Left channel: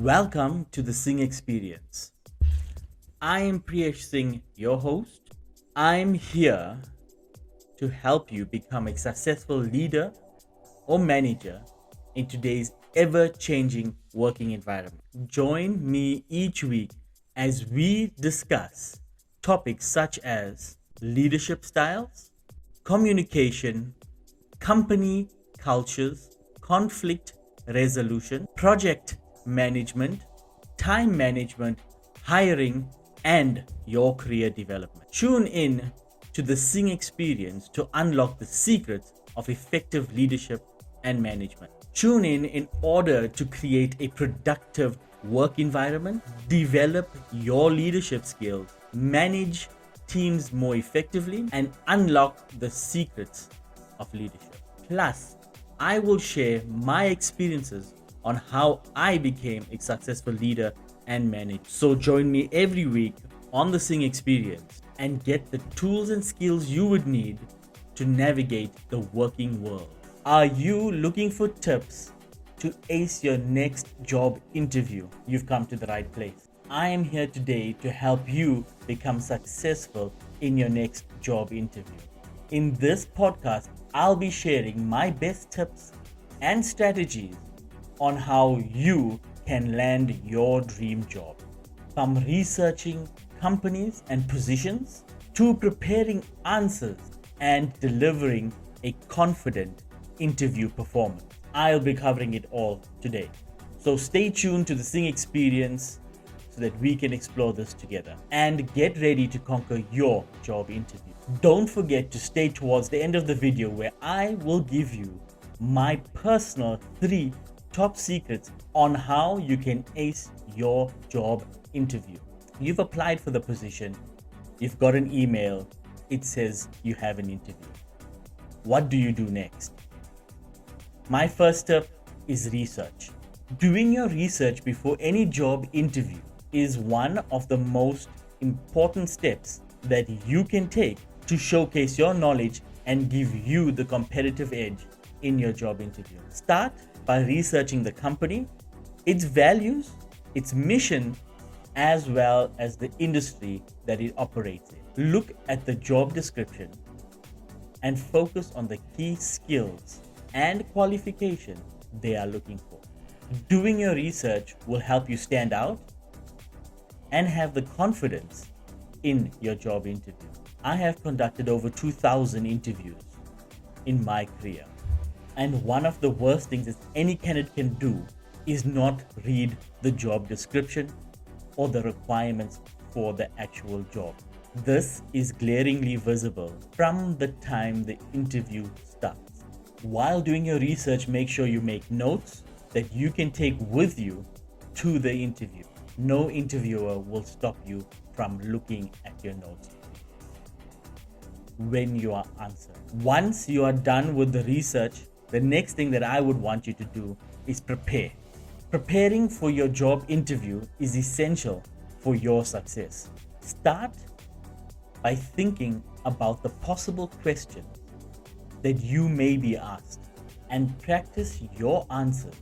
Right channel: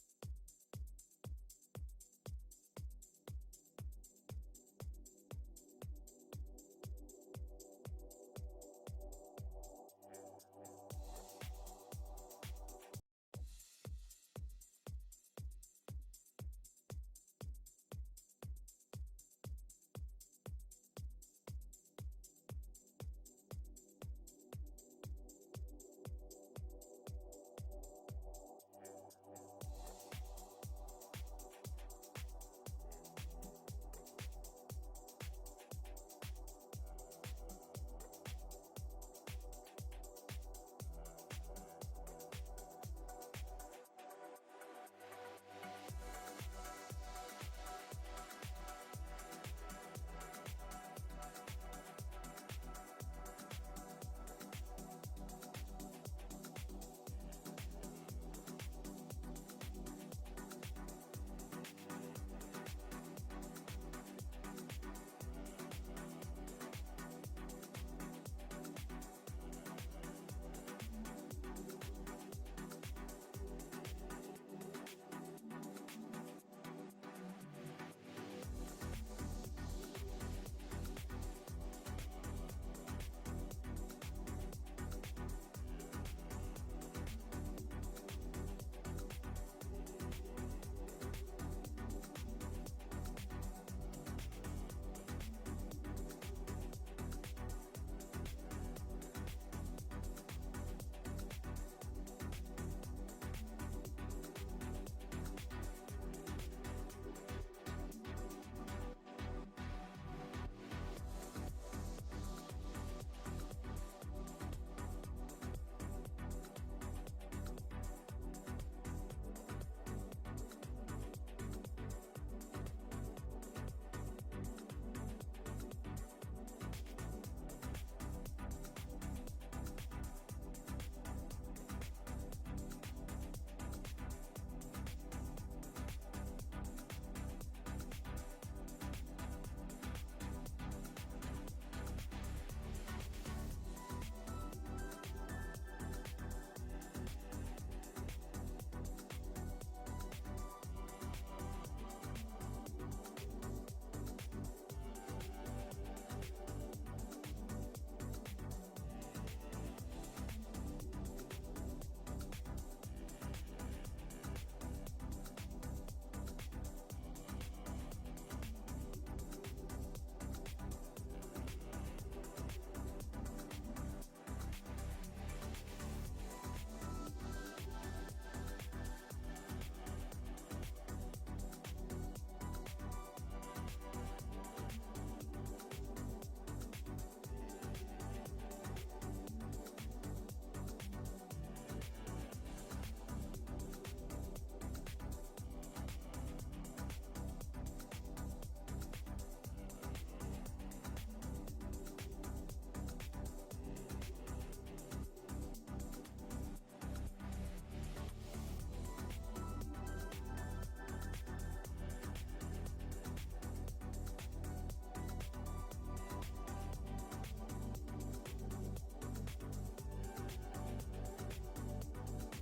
Welcome to the Sing Experience. I am Priyesh Singh, your host. I'm here to help you become a successful leader or manager in today's ever changing working environment. Join me each week as we discuss topics such as leadership styles, communication, company cultures, conflict resolution, project management, time management, hiring, and your career development. Tune in to the Sing Experience to unlock the secrets of effective leadership and management. Tune in order to create a productive work environment, develop your leadership skills, manage teams more effectively, and unlock the secrets of leadership. Plus, I will share my experiences on how I became a successful leader and manager. So join me every week on the Sing Experience and get the tools and skills you would need to navigate the working world. Are you looking for tips to ace your next job interview? You've come to the right place. I am here today to help you become successful in your next job interview. In this podcast, I'll be sharing my best tips and strategies on how you can land your dream job. From researching companies and positions to preparing answers and delivering a confident interview performance. I'll be covering it all today. So stay tuned to the Sing Experience so that we can explore this together and get ready to conquer your job interview. Don't forget to stay towards the end of the video where I will give you my personal 3 top secrets on how you can ace your job interview. You've applied for the position, you've got an email, it says you have an interview. What do you do next? My first step is research. Doing your research before any job interview is one of the most important steps that you can take to showcase your knowledge and give you the competitive edge in your job interview. Start by researching the company, its values, its mission, as well as the industry that it operates in. Look at the job description and focus on the key skills and qualifications they are looking for. Doing your research will help you stand out and have the confidence in your job interview. I have conducted over 2,000 interviews in my career. And one of the worst things that any candidate can do is not read the job description or the requirements for the actual job. This is glaringly visible from the time the interview starts. While doing your research, make sure you make notes that you can take with you to the interview. No interviewer will stop you from looking at your notes when you are answering. Once you are done with the research, the next thing that I would want you to do is prepare. Preparing for your job interview is essential for your success. Start by thinking about the possible questions that you may be asked and practice your answers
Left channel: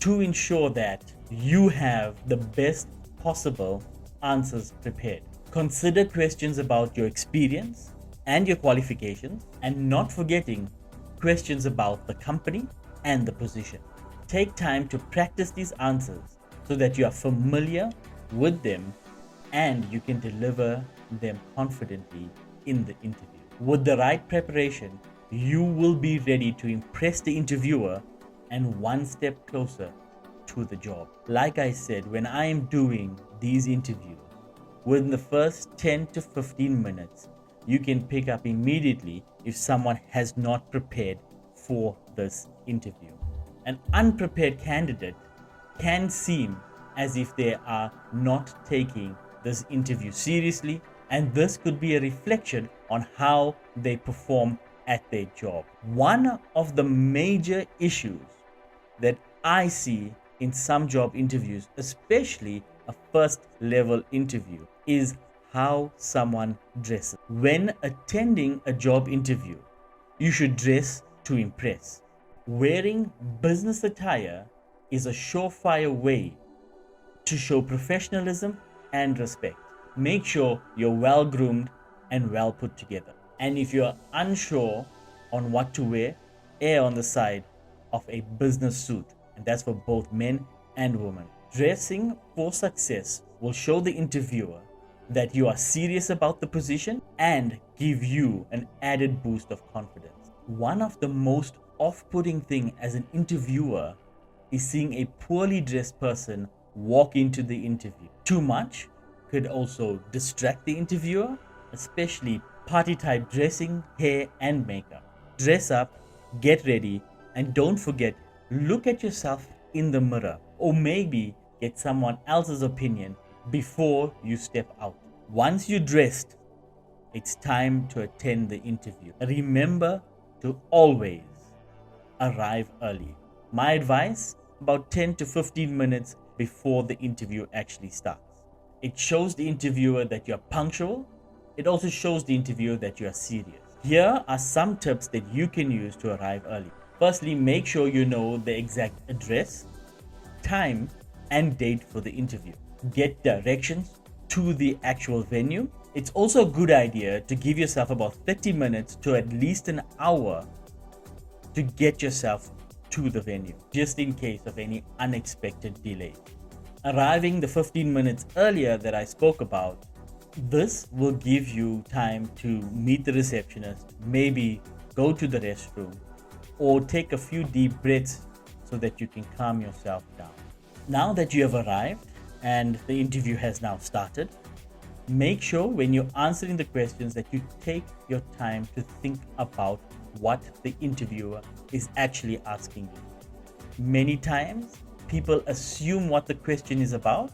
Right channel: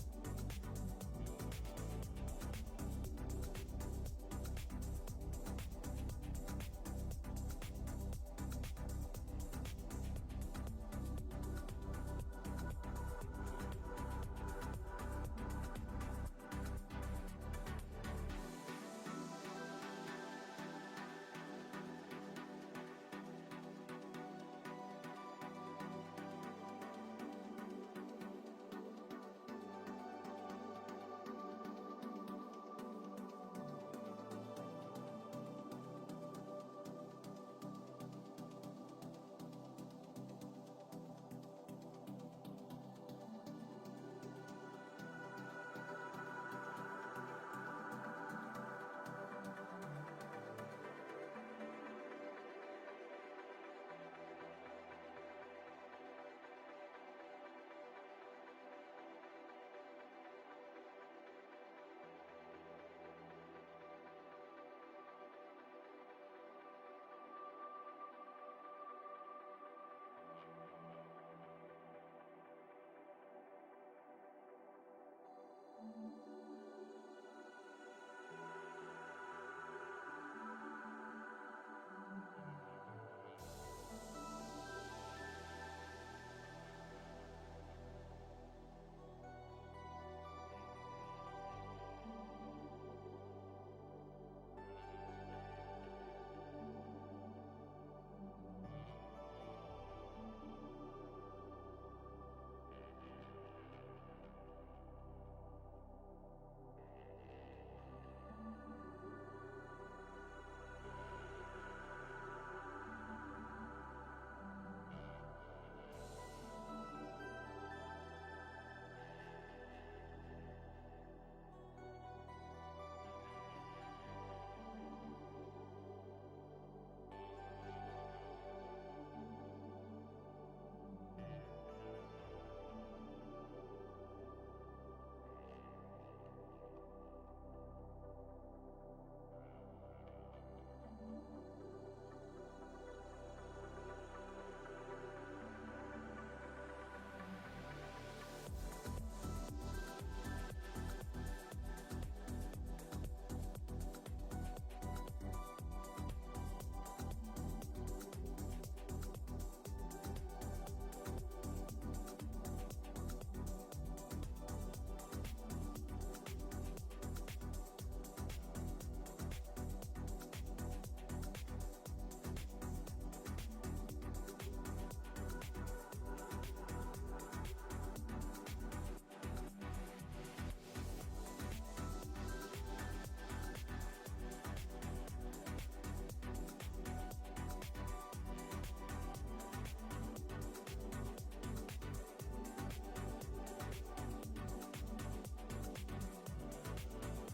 to ensure that you have the best possible answers prepared. Consider questions about your experience and your qualifications, and not forgetting questions about the company and the position. Take time to practice these answers so that you are familiar with them and you can deliver them confidently in the interview. With the right preparation, you will be ready to impress the interviewer and one step closer to the job. Like I said, when I am doing these interviews, within the first 10 to 15 minutes, you can pick up immediately if someone has not prepared for this interview. An unprepared candidate can seem as if they are not taking this interview seriously, and this could be a reflection on how they perform at their job. One of the major issues that I see in some job interviews, especially a first level interview, is how someone dresses. When attending a job interview, you should dress to impress. Wearing business attire is a surefire way to show professionalism and respect. Make sure you're well groomed and well put together. And if you're unsure on what to wear, err on the side of a business suit, and that's for both men and women. Dressing for success will show the interviewer that you are serious about the position and give you an added boost of confidence. One of the most off-putting thing as an interviewer is seeing a poorly dressed person walk into the interview. Too much could also distract the interviewer, especially party type dressing, hair and makeup. Dress up, get ready, and don't forget, look at yourself in the mirror, or maybe get someone else's opinion before you step out. Once you're dressed, it's time to attend the interview. Remember to always arrive early. My advice, about 10 to 15 minutes before the interview actually starts. It shows the interviewer that you're punctual. It also shows the interviewer that you are serious. Here are some tips that you can use to arrive early. Firstly, make sure you know the exact address, time, and date for the interview. Get directions to the actual venue. It's also a good idea to give yourself about 30 minutes to at least an hour to get yourself to the venue, just in case of any unexpected delays. Arriving the 15 minutes earlier that I spoke about, this will give you time to meet the receptionist, maybe go to the restroom, or take a few deep breaths so that you can calm yourself down. Now that you have arrived and the interview has now started, make sure when you're answering the questions that you take your time to think about what the interviewer is actually asking you. Many times, people assume what the question is about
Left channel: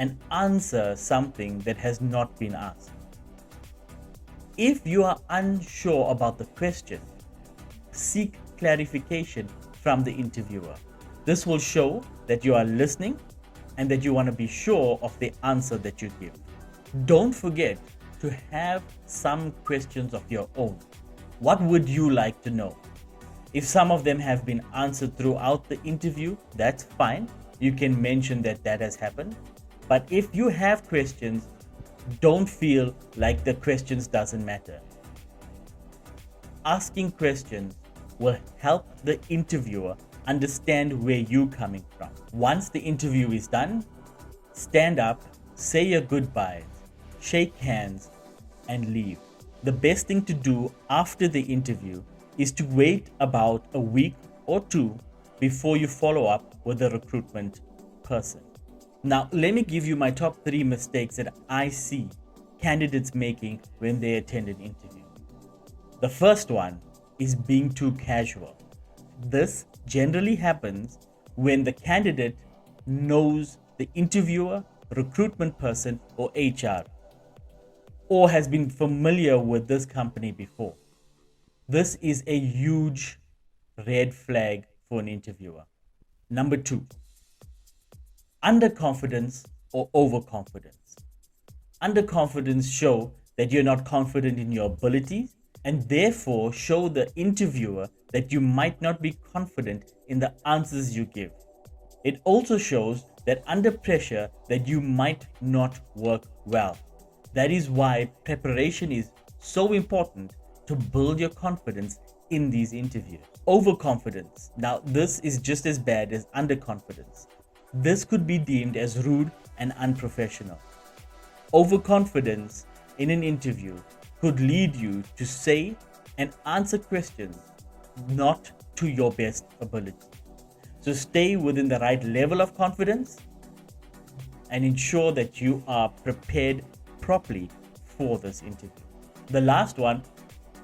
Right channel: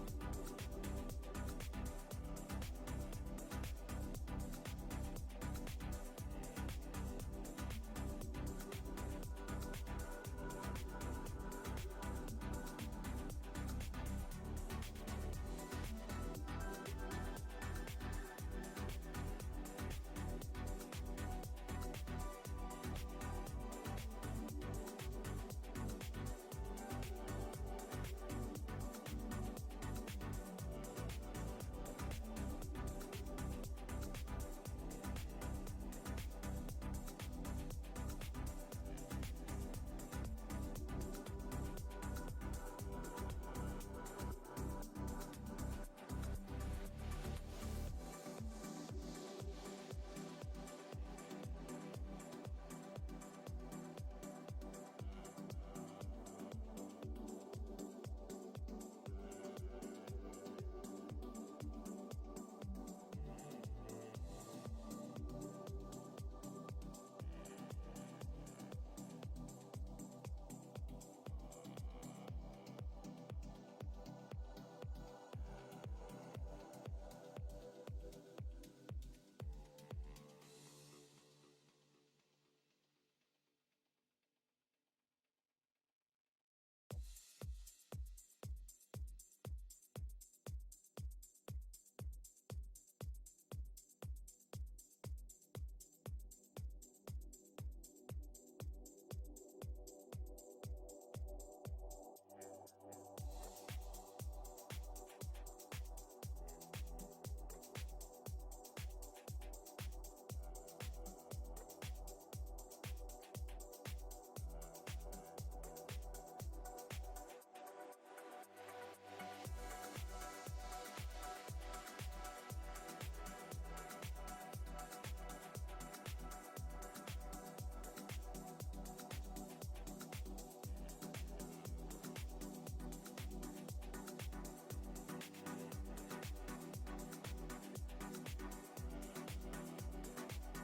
and answer something that has not been asked. If you are unsure about the question, seek clarification from the interviewer. This will show that you are listening and that you want to be sure of the answer that you give. Don't forget to have some questions of your own. What would you like to know? If some of them have been answered throughout the interview, that's fine. You can mention that that has happened. But if you have questions, don't feel like the questions doesn't matter. Asking questions will help the interviewer understand where you're coming from. Once the interview is done, stand up, say your goodbyes, shake hands, and leave. The best thing to do after the interview is to wait about a week or two before you follow up with the recruitment person. Now, let me give you my top 3 mistakes that I see candidates making when they attend an interview. The first one is being too casual. This generally happens when the candidate knows the interviewer, recruitment person, or HR, or has been familiar with this company before. This is a huge red flag for an interviewer. Number 2, underconfidence or overconfidence. Underconfidence show that you're not confident in your abilities and therefore show the interviewer that you might not be confident in the answers you give. It also shows that under pressure that you might not work well. That is why preparation is so important to build your confidence in these interviews. Overconfidence. Now, this is just as bad as underconfidence. This could be deemed as rude and unprofessional. Overconfidence in an interview could lead you to say and answer questions not to your best ability. So stay within the right level of confidence and ensure that you are prepared properly for this interview. The last one,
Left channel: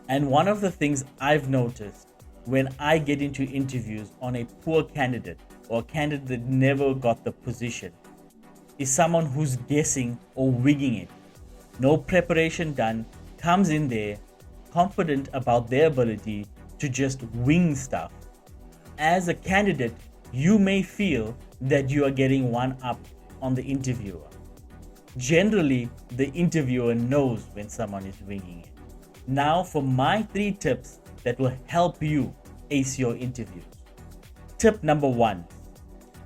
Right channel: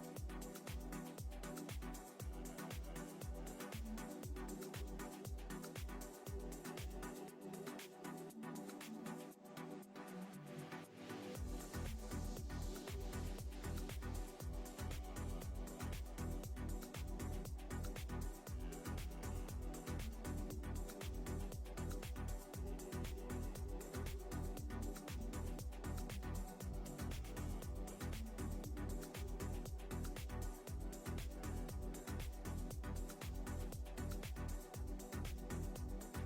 and one of the things I've noticed when I get into interviews on a poor candidate or a candidate that never got the position, is someone who's guessing or winging it. No preparation done, comes in there confident about their ability to just wing stuff. As a candidate, you may feel that you are getting one up on the interviewer. Generally, the interviewer knows when someone is winging it. Now for my 3 tips that will help you ace your interviews. Tip number 1.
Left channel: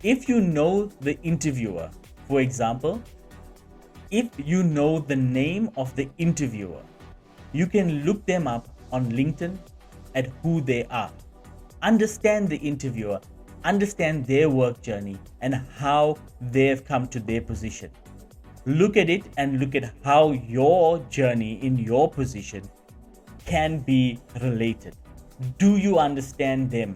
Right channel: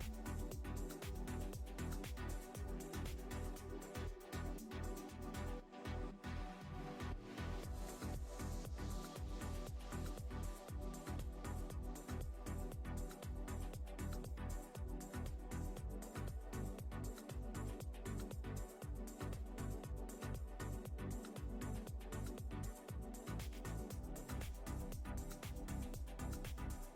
If you know the interviewer For example, if you know the name of the interviewer, you can look them up on LinkedIn at who they are. Understand the interviewer, understand their work journey and how they've come to their position. Look at it and look at how your journey in your position can be related. Do you understand them?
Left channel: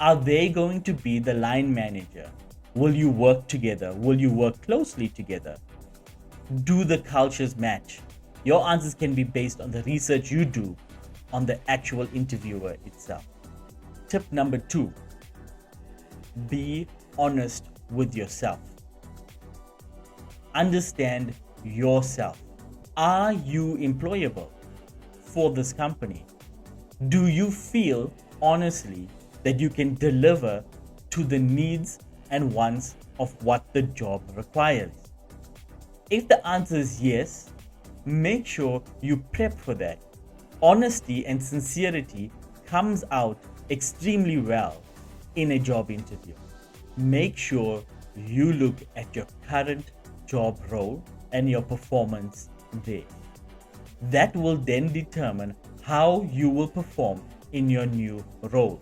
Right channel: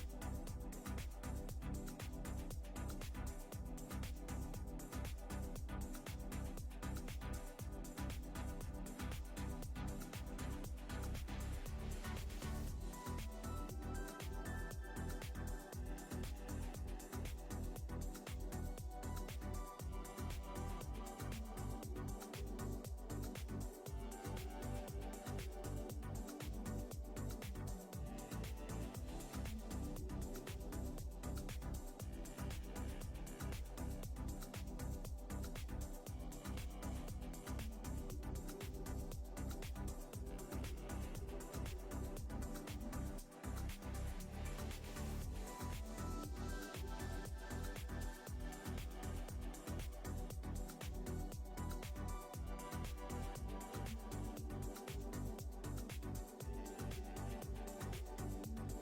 Are they going to be the line manager? Will you work together? Will you work closely together? Do the cultures match? Your answers can be based on the research you do on the actual interviewer itself. Tip number 2, be honest with yourself. Understand yourself. Are you employable for this company? Do you feel honestly that you can deliver to the needs and wants of what the job requires? If the answer is yes, make sure you prep for that. Honesty and sincerity comes out extremely well in a job interview. Make sure you look at your current job role and your performance there. That will then determine how you will perform in your new role.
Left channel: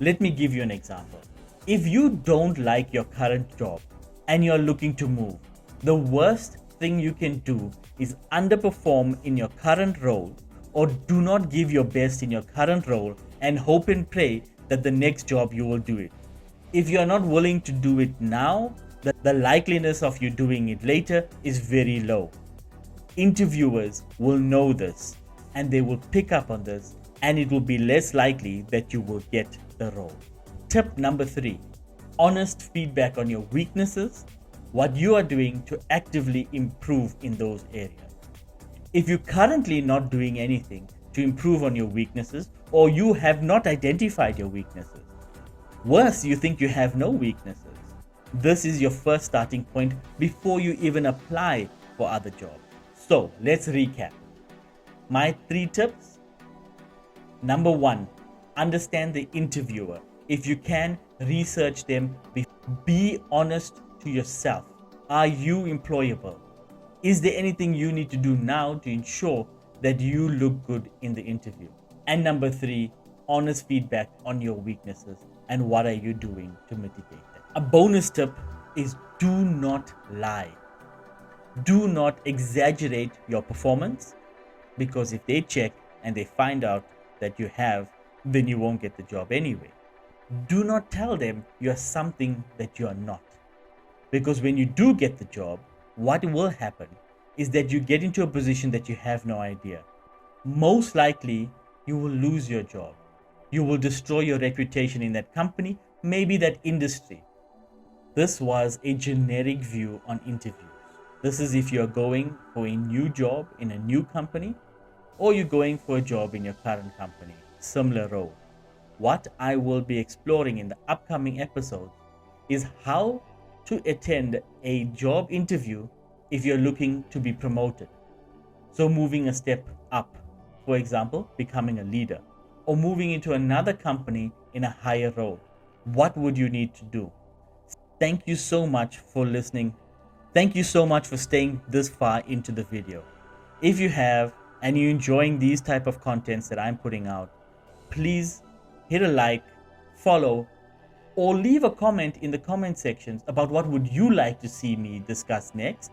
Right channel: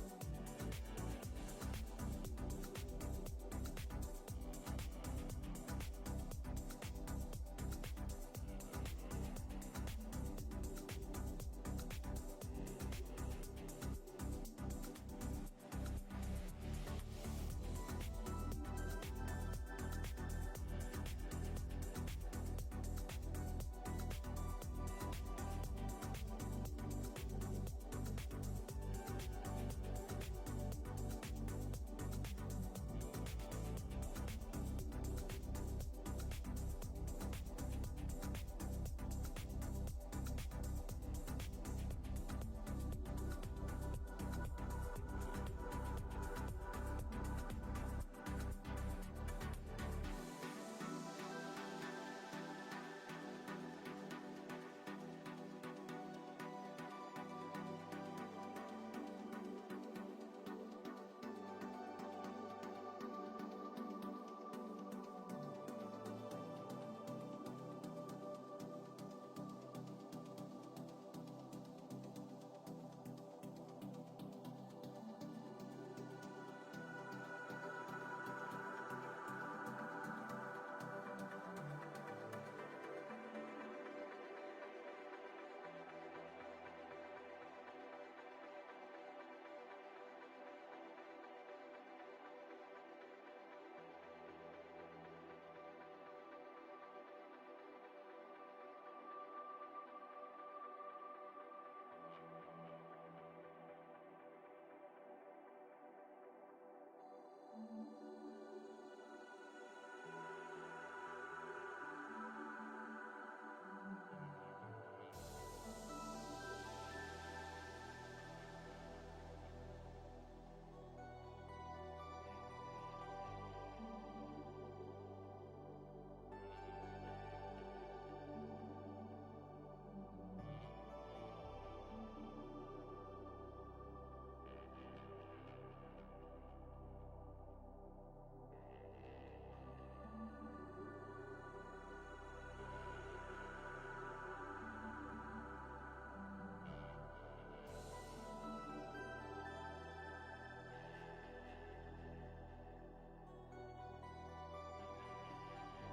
Let me give you an example. If you don't like your current job and you're looking to move, the worst thing you can do is underperform in your current role or do not give your best in your current role and hope and pray that the next job you will do it. If you are not willing to do it now, the likeliness of you doing it later is very low. Interviewers will know this and they will pick up on this, and it will be less likely that you will get the role. Tip number 3, honest feedback on your weaknesses, what you are doing to actively improve in those areas. If you're currently not doing anything to improve on your weaknesses, or you have not identified your weaknesses, worse, you think you have no weaknesses, this is your first starting point before you even apply for other jobs. So let's recap. My 3 tips. Number 1, understand the interviewer. If you can, research them. Be honest to yourself. Are you employable? Is there anything you need to do now to ensure that you look good in the interview? And number 3, honest feedback on your weaknesses and what are you doing to mitigate them. A bonus tip is do not lie. Do not exaggerate your performance, because if they check and they find out that you have, then you won't get the job anyway. Do not tell them you're something that you're not, because when you do get the job, what will happen is that you get into a position that you have no idea. Most likely, you will lose your job. You will destroy your reputation in that company, maybe that industry. This was a generic view on interviews. This is if you're going for a new job in a new company, or you're going for a job in your current company, similar role. What I will be exploring in the upcoming episode is how to attend a job interview if you're looking to be promoted. So moving a step up, for example, becoming a leader, or moving into another company in a higher role. What would you need to do? Thank you so much for listening. Thank you so much for staying this far into the video. If you have, and you're enjoying these type of contents that I'm putting out, please hit a like, follow, or leave a comment in the comment sections about what would you like to see me discuss next,